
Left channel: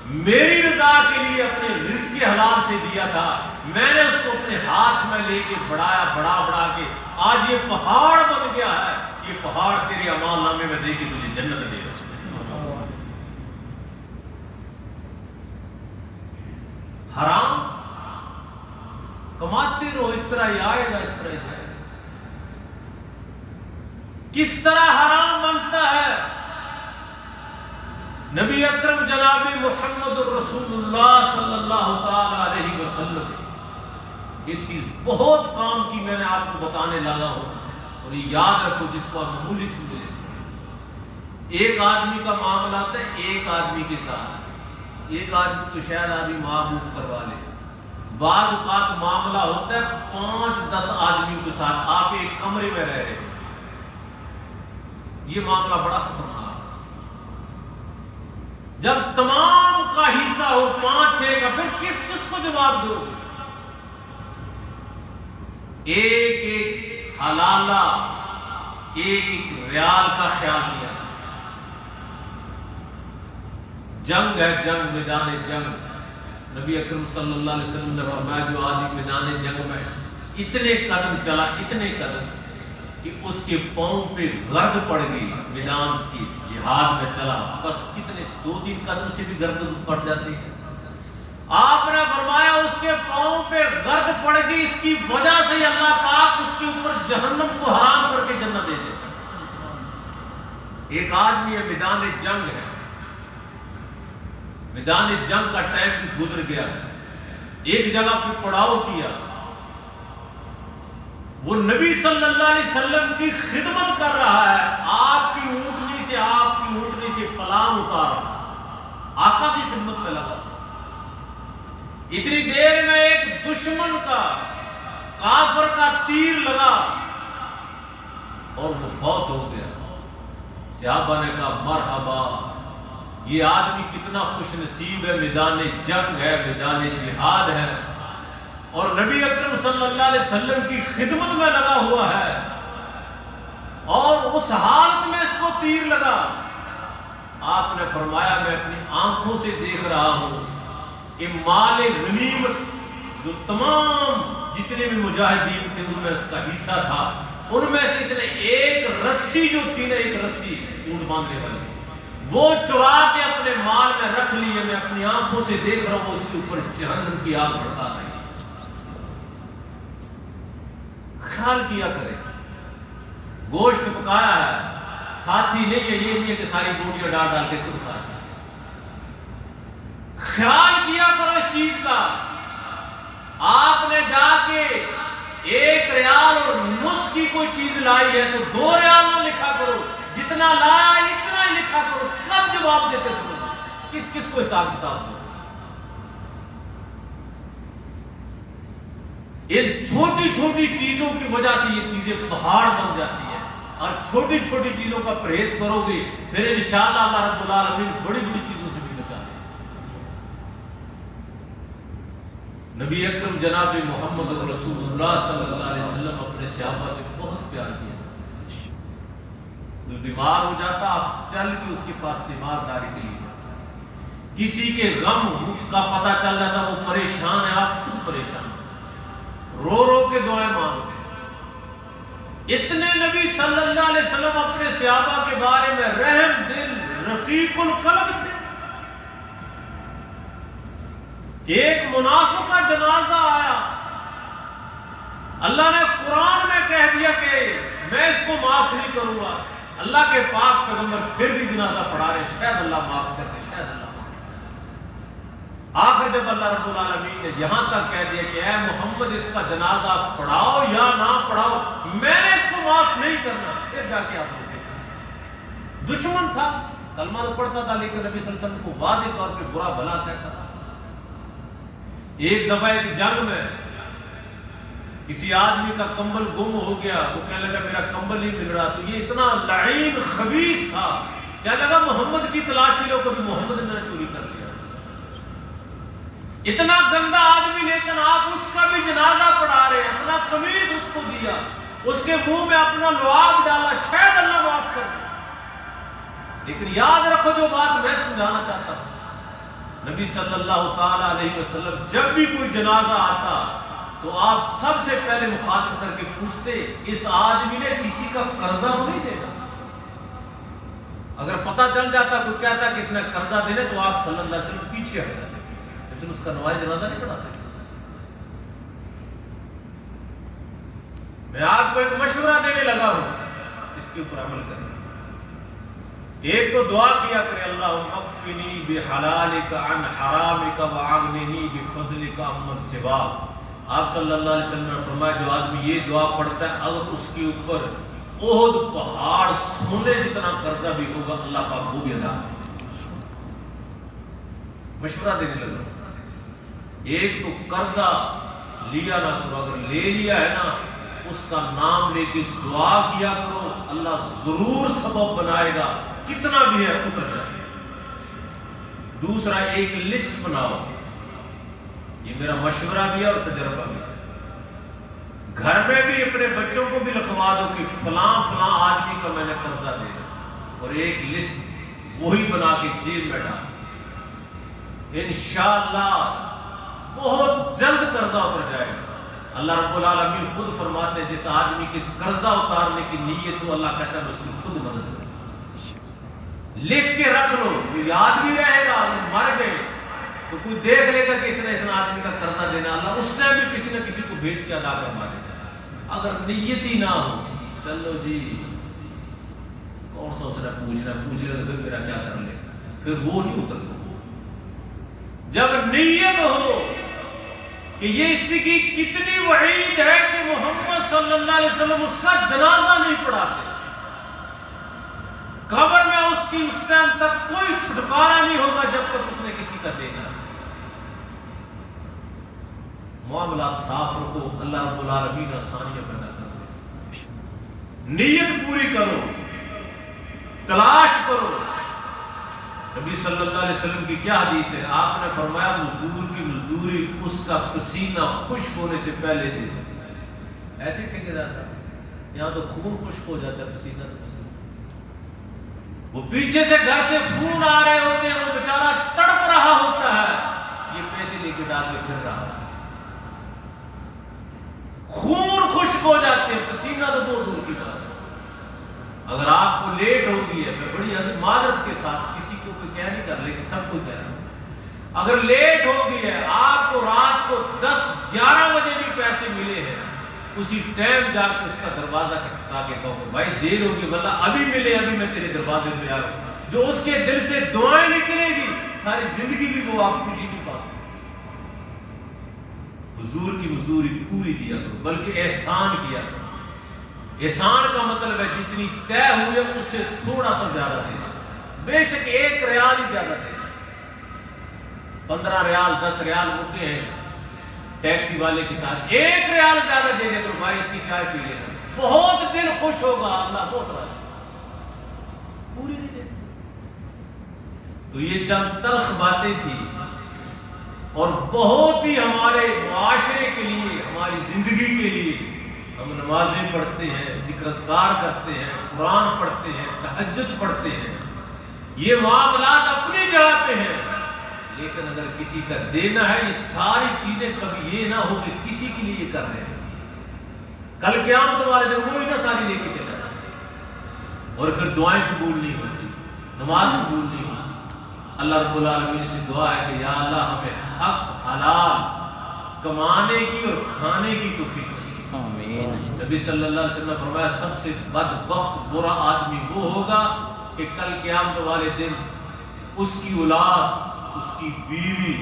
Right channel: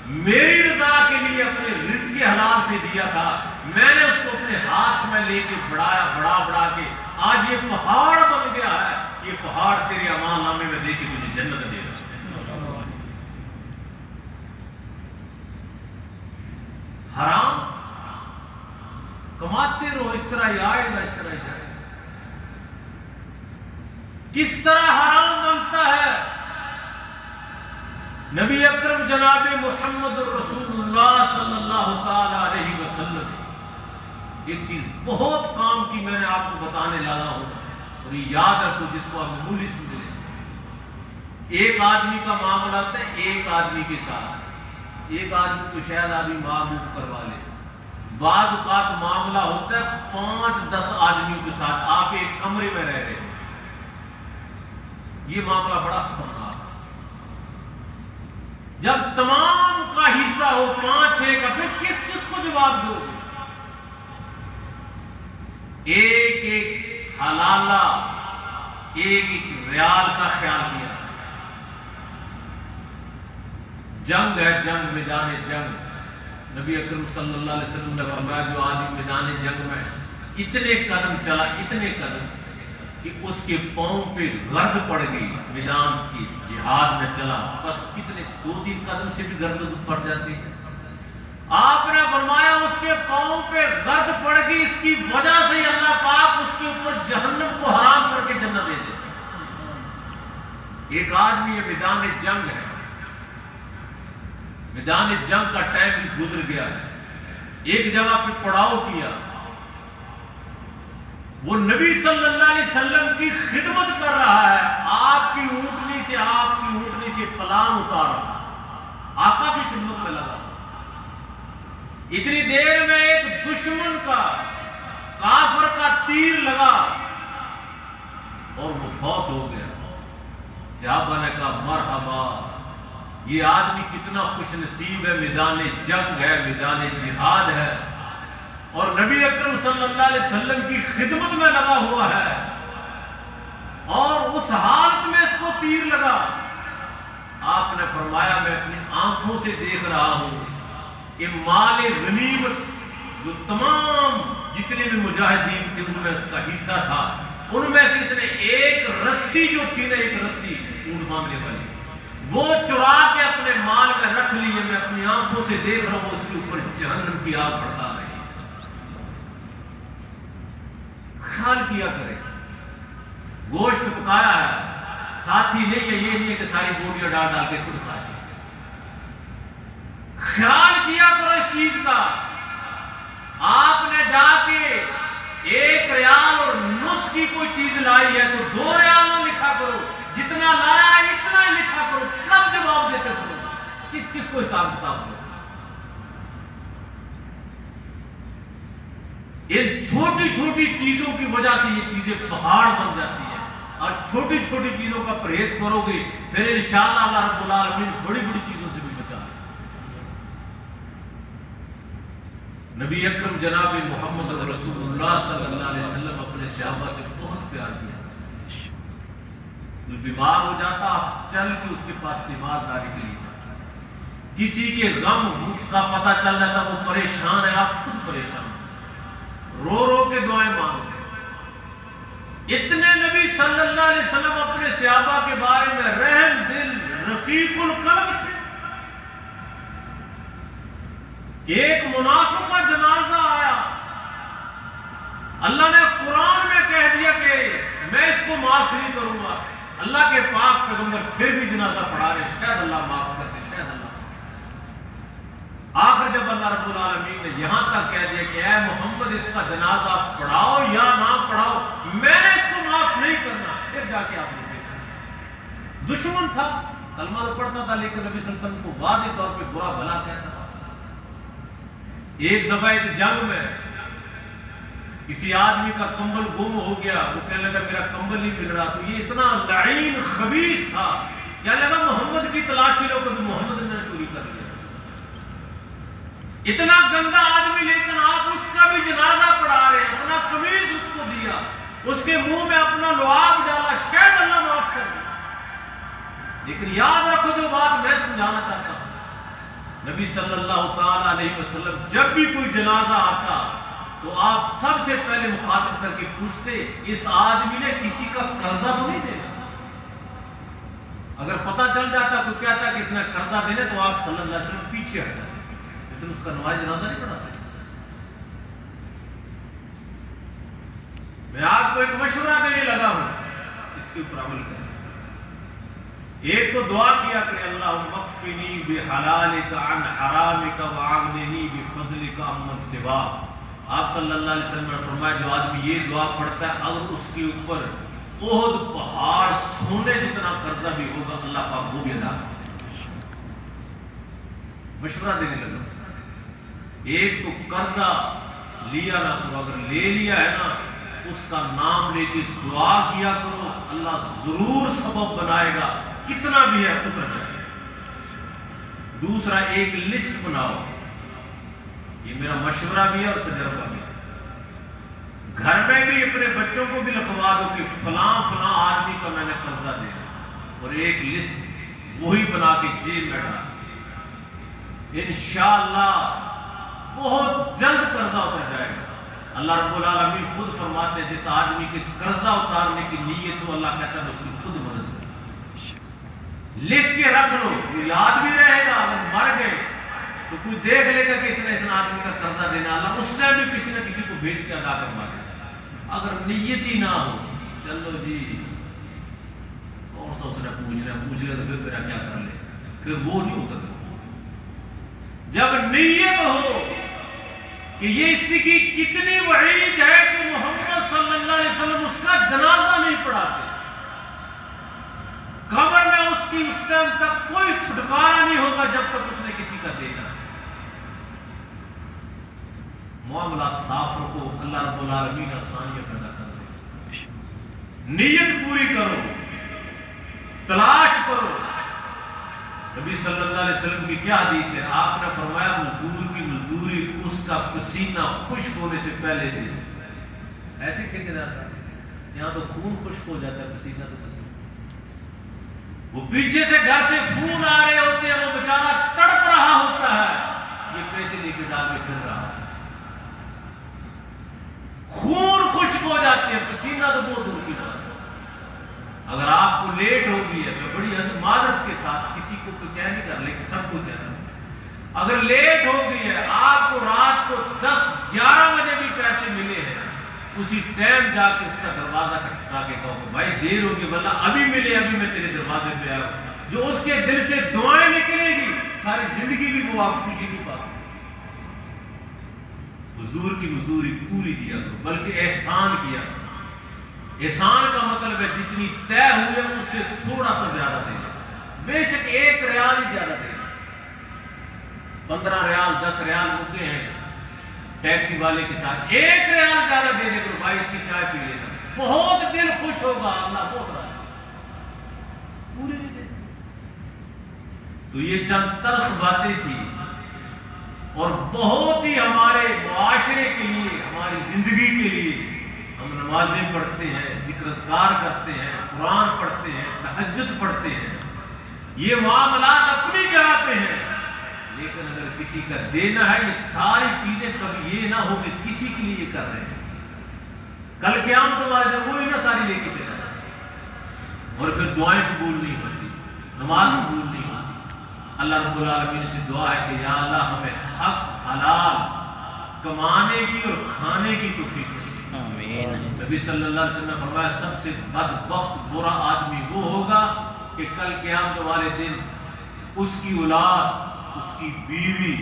میری رضا کے لیے اپنے رزق حلال سے دیا تھا، میں نے اس کو اپنے ہاتھ میں لے کے بڑھا کے آج یہ پہاڑ بن گیا ہے۔ یہ پہاڑ تیرے اعمال نامے میں دے کے تجھے جنت دے گا۔ حرام کماتے رہو، اس طرح ہی آئے گا، اس طرح ہی جائے گا۔ کس طرح حرام بنتا ہے؟ نبی اکرم جناب محمد الرسول اللہ صلی اللہ تعالی علیہ وسلم ایک چیز بہت کام کی میں نے آپ کو بتانے جا رہا ہوں، اور یہ یاد رکھو جس کو آپ معمولی سمجھے۔ ایک آدمی کا معاملہ ہوتا ہے ایک آدمی کے ساتھ، ایک آدمی تو شاید آدمی معروف کروا لے، بعض اوقات معاملہ ہوتا ہے 5-10 آدمیوں کے ساتھ، آپ ایک کمرے میں رہ رہے ہیں، یہ معاملہ بڑا خطرناک ہے۔ جب تمام کا حصہ ہو 5-6 کا، پھر کس کس کو جواب دو گے؟ ایک ایک حلالہ، ایک ایک ریال کا خیال کیا۔ جنگ ہے، جنگ، میدان جنگ، نبی اکرم صلی اللہ علیہ وسلم نے فرمایا جو آدمی میدان جنگ میں اتنے قدم چلا، اتنے قدم کہ اس کے پاؤں پہ گرد پڑ گئی، میدان کی جہاد میں چلا، بس کتنے 2-3 قدم سے بھی گرد پڑ جاتی ہے۔ آپ نے فرمایا اس کے پاؤں پہ گرد پڑ گئی، اس کی وجہ سے اللہ پاک اس کے اوپر جہنم کو حرام کر کے جنت دے دیتا ہے۔ ایک آدمی ہے، میدان جنگ ہے، میدان جنگ کا ٹائم بھی گزر گیا ہے، ایک جگہ پہ پڑاؤ کیا، وہ نبی صلی اللہ علیہ وسلم کی خدمت کر رہا ہے، آپ کی اونٹنی سے پلان اتار رہا ہے، آقا کی خدمت میں لگا۔ اتنی دیر میں ایک دشمن کا، کافر کا تیر لگا اور وہ فوت ہو گیا۔ صحابہ نے کہا مرحبا، یہ آدمی کتنا خوش نصیب ہے، میدان جنگ ہے، میدان جہاد ہے، اور نبی اکرم صلی اللہ علیہ وسلم کی خدمت میں لگا ہوا ہے، اور اس حالت میں اس کو تیر لگا۔ آپ نے فرمایا میں اپنی آنکھوں سے دیکھ رہا ہوں کہ مال غنیمت جو تمام جتنے بھی مجاہدین تھے ان میں اس کا حصہ تھا. ان میں سے اس نے ایک رسی جو تھی نا، ایک رسی اونٹ مانگنے والی، وہ چرا کے اپنے مال میں رکھ لی ہے. میں اپنی آنکھوں سے دیکھ رہا ہوں، اس کے اوپر جہنم کی آگ بڑھا رہی ہے. خیال کیا کرے، گوشت پکایا ہے، ساتھی نہیں ہے، یہ نہیں ہے کہ ساری بوٹیاں ڈال ڈال کے خود کھائے. خیال کیا کرو اس چیز کا. آپ نے جا کے 1 ریال اور نصف کی کوئی چیز لائی ہے تو 2 ریال نہ لکھا کرو، جتنا لایا ہے اتنا ہی لکھا کرو. کب جواب دیتے کرو؟ کس کس کو حساب کتاب دو؟ ان چھوٹی چھوٹی چیزوں کی وجہ سے یہ چیزیں پہاڑ بن جاتی ہیں. اور چھوٹی چھوٹی چیزوں کا پرہیز کرو گے پھر انشاءاللہ اللہ رب العالمین بڑی بڑی چیزوں سے بھی بچا لے. نبی اکرم جناب محمد رسول اللہ صلی اللہ علیہ وسلم اپنے صحابہ سے بہت پیار کیا. کوئی بیمار ہو جاتا آپ چل کے اس کے پاس تیمارداری کے لیے جاتا. کسی کے غم کا پتہ چل جاتا وہ پریشان ہے، آپ خود پریشان، رو رو کے دعائیں مانگتے. اتنے نبی صلی اللہ علیہ وسلم اپنے صحابہ کے بارے میں رحم دل رقیق القلب تھے. ایک منافق کا جنازہ آیا، اللہ نے قرآن میں کہہ دیا کہ میں اس کو معاف نہیں کروں گا. اللہ کے پاک پیغمبر پھر بھی جنازہ پڑھا رہے، شاید اللہ معاف کر کے، شاید اللہ معاف کر. آخر جب اللہ رب العالمین نے یہاں تک کہہ دیا کہ اے محمد اس کا جنازہ پڑھاؤ یا نہ پڑھاؤ، میں نے اس کو معاف نہیں کرنا. پھر جا کے آپ نے دیکھا، دشمن تھا، کلمہ تو پڑھتا تھا لیکن نبی صلی اللہ علیہ وسلم کو واضح طور پہ برا بھلا کہتا تھا. ایک دفعہ ایک جنگ میں کسی آدمی کا کمبل گم ہو گیا، وہ کہنے لگا میرا کمبل نہیں مل رہا. تو یہ اتنا لعین خبیث تھا، کہنے لگا محمد کی تلاشی لو، کبھی محمد نے چوری کر دیا. اتنا گندا آدمی، لیکن آپ اس کا بھی جنازہ پڑھا رہے ہیں. اپنا قمیص اس کو دیا، اس کے منہ میں اپنا لعاب ڈالا، شاید اللہ معاف کر دے. لیکن یاد رکھو جو بات میں سمجھانا چاہتا ہوں، نبی صلی اللہ تعالی علیہ وسلم جب بھی کوئی جنازہ آتا تو آپ سب سے پہلے مخاطب کر کے پوچھتے اس آدمی نے کسی کا قرضہ تو نہیں دینا. اگر پتہ چل جاتا کوئی کہتا کہ اس نے قرضہ دینے تو آپ صلی اللہ علیہ وسلم پیچھے ہٹ جاتے، لیکن اس کا نماز جنازہ نہیں پڑھاتے. میں آپ کو ایک مشورہ دینے لگا ہوں، اس کے اوپر عمل کریں. ایک تو دعا کیا کرے اللہم اکفنی بحلالک عن حرامک وعغننی بفضلک عمن سواک. آپ صلی اللہ علیہ وسلم نے فرمایا جو آدمی یہ دعا پڑھتا ہے اگر اس کے اوپر احد پہاڑ سونے جتنا قرضہ بھی ہوگا اللہ پاک وہ بھی ادا کرے. مشورہ دینے لگا. ایک تو قرضہ لیا نہ کرو، اگر لے لیا ہے نا اس کا نام لے کے دعا کیا کرو، اللہ ضرور سبب بنائے گا، کتنا بھی ہے اتر جائے. دوسرا ایک لسٹ بناؤ، یہ میرا مشورہ بھی ہے اور تجربہ بھی ہے. گھر میں بھی اپنے بچوں کو بھی لکھوا دو کہ فلاں فلاں آدمی کا میں نے قرضہ دے دیا، اور ایک لسٹ وہی بنا کے جیب میں ڈال. انشاءاللہ بہت جلد قرضہ اتر جائے گا. اللہ رب العالمین خود فرماتے ہیں جس آدمی کے قرضہ اتارنے کی نیت ہو اللہ کہتا ہے اس کی خود مدد کرے. لکھ کے رکھ لو، یاد بھی رہے گا. اگر مر گئے تو کوئی دیکھ لے گا کہ اس نے اس آدمی کا قرضہ دینا، اللہ اس نے بھی کسی نہ کسی کو بھیج کے ادا کروا دے گا. اگر نیت ہی نہ ہو، چلو جی کون سا اس نے پوچھ لے تو پھر میرا کیا کر لے، پھر وہ نہیں اترتا. جب نیت ہو کہ یہ اس کی کتنی وعید ہے کہ محمد صلی اللہ علیہ وسلم اس کا جنازہ نہیں پڑھاتے، قبر میں اس کی اس ٹائم تک کوئی چھٹکارا نہیں ہوگا جب تک اس نے کسی کا دینا. معاملات صاف رکھو، اللہ رب العالمین آسانیاں پیدا کر دے. نیت پوری کرو، تلاش کرو. نبی صلی اللہ علیہ وسلم کی کیا حدیث ہے؟ آپ نے فرمایا مزدور کی مزدوری اس کا پسینہ خشک ہونے سے پہلے دے. ایسے ٹھیکیدار صاحب یہاں تو خون خشک ہو جاتا ہے، پسینہ تو پسینہ. وہ پیچھے سے گھر سے فون آ رہے ہوتے ہیں، وہ بیچارہ تڑپ رہا ہوتا ہے، یہ پیسے لے کے ڈال کے پھر رہا. کہہ نہیں کر لیکن سب کو کہہ رہا ہوں، اگر لیٹ ہو گئی ہے، آپ کو رات کو 10-11 بجے بھی پیسے ملے ہیں، اسی ٹائم جا کے اس کا دروازہ کھٹکھٹا کے کہو کہ بھائی دیر ہوگی، بندہ ابھی ملے، ابھی میں تیرے دروازے پہ آیا ہوں، جو اس کے دل سے دعائیں نکلے گی ساری زندگی بھی وہ آپ خوشی نہیں پا سکتے۔ مزدور کی مزدوری پوری دیا کرو، بلکہ احسان کیا کرو۔ احسان کا مطلب ہے جتنی طے ہوئی ہے اس سے تھوڑا سا زیادہ دینا، بے شک 1 ریال ہی زیادہ دینا، 15 ریال 10 ریال مکے ہیں ٹیکسی والے کے ساتھ، 1 ریال زیادہ دے دے کرو، بھائی اس کی چائے پی لینا، بہت دل خوش ہوگا، اللہ بہت راضی۔ پوری نہیں دیتے۔ تو یہ چند تلخ باتیں تھی اور بہت ہی ہمارے معاشرے کے لیے، ہماری زندگی کے لیے، ہم نمازیں پڑھتے ہیں، ذکر اذکار کرتے ہیں، قرآن پڑھتے ہیں، تہجد پڑھتے ہیں، یہ معاملات اپنی جگہ پہ ہیں، لیکن اگر کسی کا دینا ہے، یہ ساری چیزیں کبھی یہ نہ ہو کہ کسی کے لیے یہ کر رہے ہیں، کل قیامت والے دن وہی نہ ساری لے کے چلا جائے اور پھر دعائیں قبول نہیں ہوتی، نماز قبول نہیں ہوتی۔ اللہ رب العالمین سے دعا ہے کہ یا اللہ ہمیں حق حلال کمانے کی اور کھانے کی توفیق نصیب۔ آمین۔ نبی صلی اللہ علیہ وسلم نے فرمایا سب سے بدبخت برا آدمی وہ ہوگا کہ کل قیامت والے دن اس کی اولاد، اس کی بیوی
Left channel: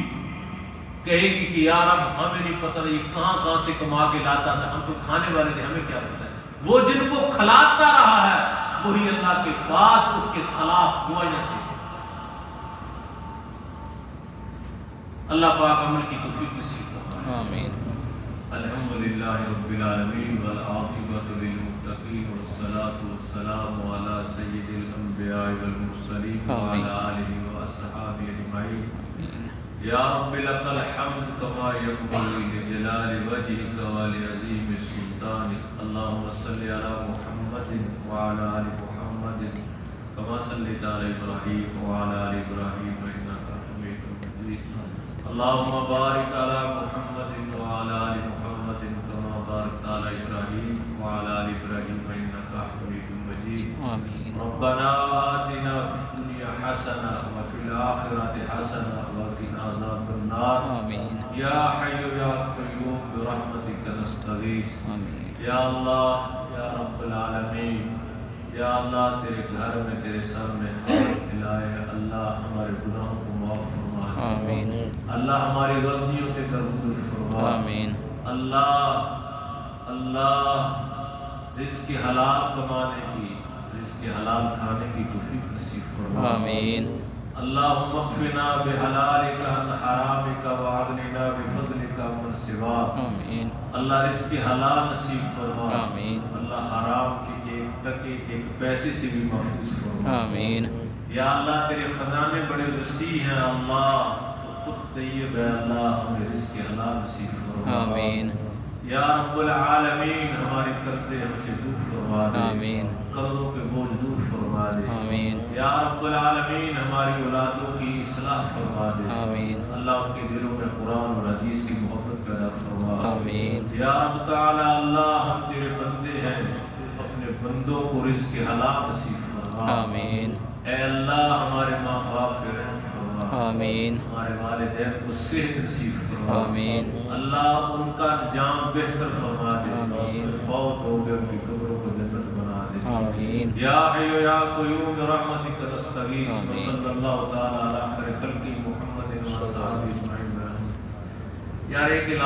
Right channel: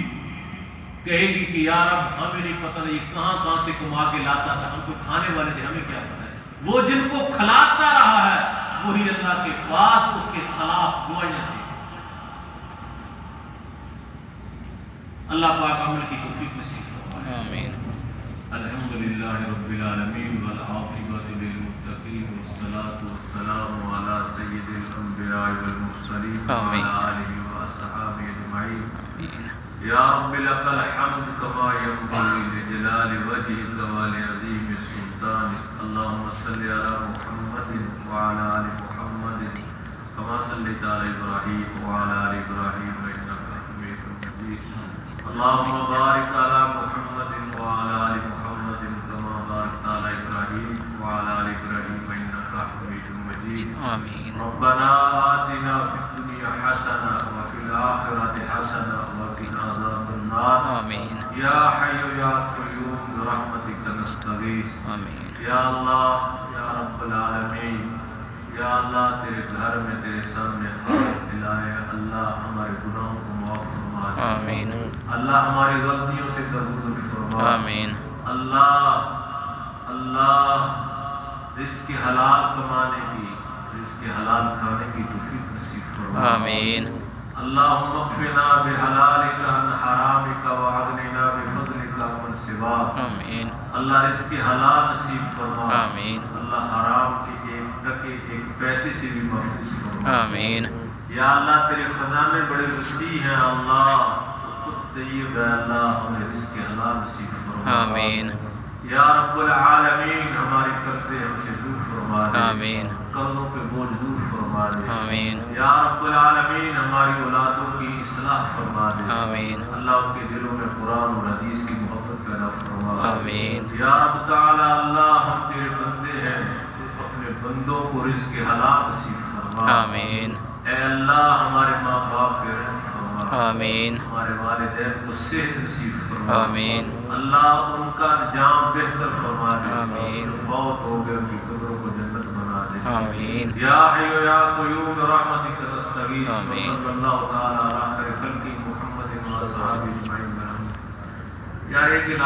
کہے گی کہ یا رب ہمیں نہیں پتہ نہیں کہاں سے کما کے لاتا تھا، ہم تو کھانے والے تھے، ہمیں کیا پتہ ہے۔ وہ جن کو کھلاتا رہا ہے وہی اللہ کے پاس اس کے خلاف دعائیں دے۔ اللہ پاک عمل کی توفیق نصیب فرمائے۔ آمین۔ الحمدللہ رب العالمین والعاقبۃ للمتقین والصلاة والسلام علی سید الانبیاء والمرسلین وعلی آلہ واصحابہ اجمعین۔ یا رب لک الحمد کما ینبغی لجلال وجہک ولعظیم سلطانک۔ اللہم صلی علی محمد وعلی آل محمد کما صلیت علی ابراہیم وعلی آل ابراہیم انک حمید مجید۔ اللهم بارك على محمد وعلى آل محمد كما باركت على إبراهيم وعلى آل إبراهيم إنك حميد مجيد آمين ربنا آتنا في الدنيا حسنة وفي الآخرة حسنة وقنا عذاب النار آمين يا حي يا قيوم برحمتك نستغيث آمين یا اللہ یا رب العالمین، یا اللہ تیرے گھر میں تیرے سامنے ہاتھ پھیلائے، اللہ ہمارے گناہوں کو معاف فرما دے، آمین اللہ ہماری غلطیوں سے درگزر فرما، آمین اللہ رزق حلال کمانے کی، رزق حلال کھانے کی توفیق نصیب فرما، آمین اللہم اکفنا بحلالک عن حرامک واغننا بفضلک عمن سواک، آمین اللہ رزق حلال نصیب فرما، آمین اللہ حرام کے 1 ٹکے 1 پیسے سے بھی محفوظ فرما، آمین یا اللہ تیرے خزانے بڑے وسیع ہیں، اللہ تو خود طیب ہے، اللہ ہمیں رزق حلال نصیب فرما، آمین یا رب العالمین ہمارے قرضے ہم سے دور فرما دے، آمین قرضوں کے بوجھ دور فرما دے، آمین یا رب العالمین ہماری اولادوں کی اصلاح فرما دے، آمین اللہ ان کے دلوں میں قرآن اور حدیث کی محبت پیدا فرما، آمین یا رب تعالی اللہ ہم تیرے بندے ہیں، تو اپنے بندوں کو رزق حلال نصیب فرما، آمین اے اللہ ہمارے ماں باپ پہ رحم فرما، آمین ہمارے والدین کو صحت نصیب فرما، آمین اللہ ان کا انجام بہتر فرما دے، آمین جو فوت ہو گئے ان کی قبروں کو جنت بنا دے، آمین یا حی یا قیوم برحمتک نستغیث، آمین۔ وصلی اللہ تعالی علی خیر خلق محمد و اصحابہ اجمعین۔ یار ایک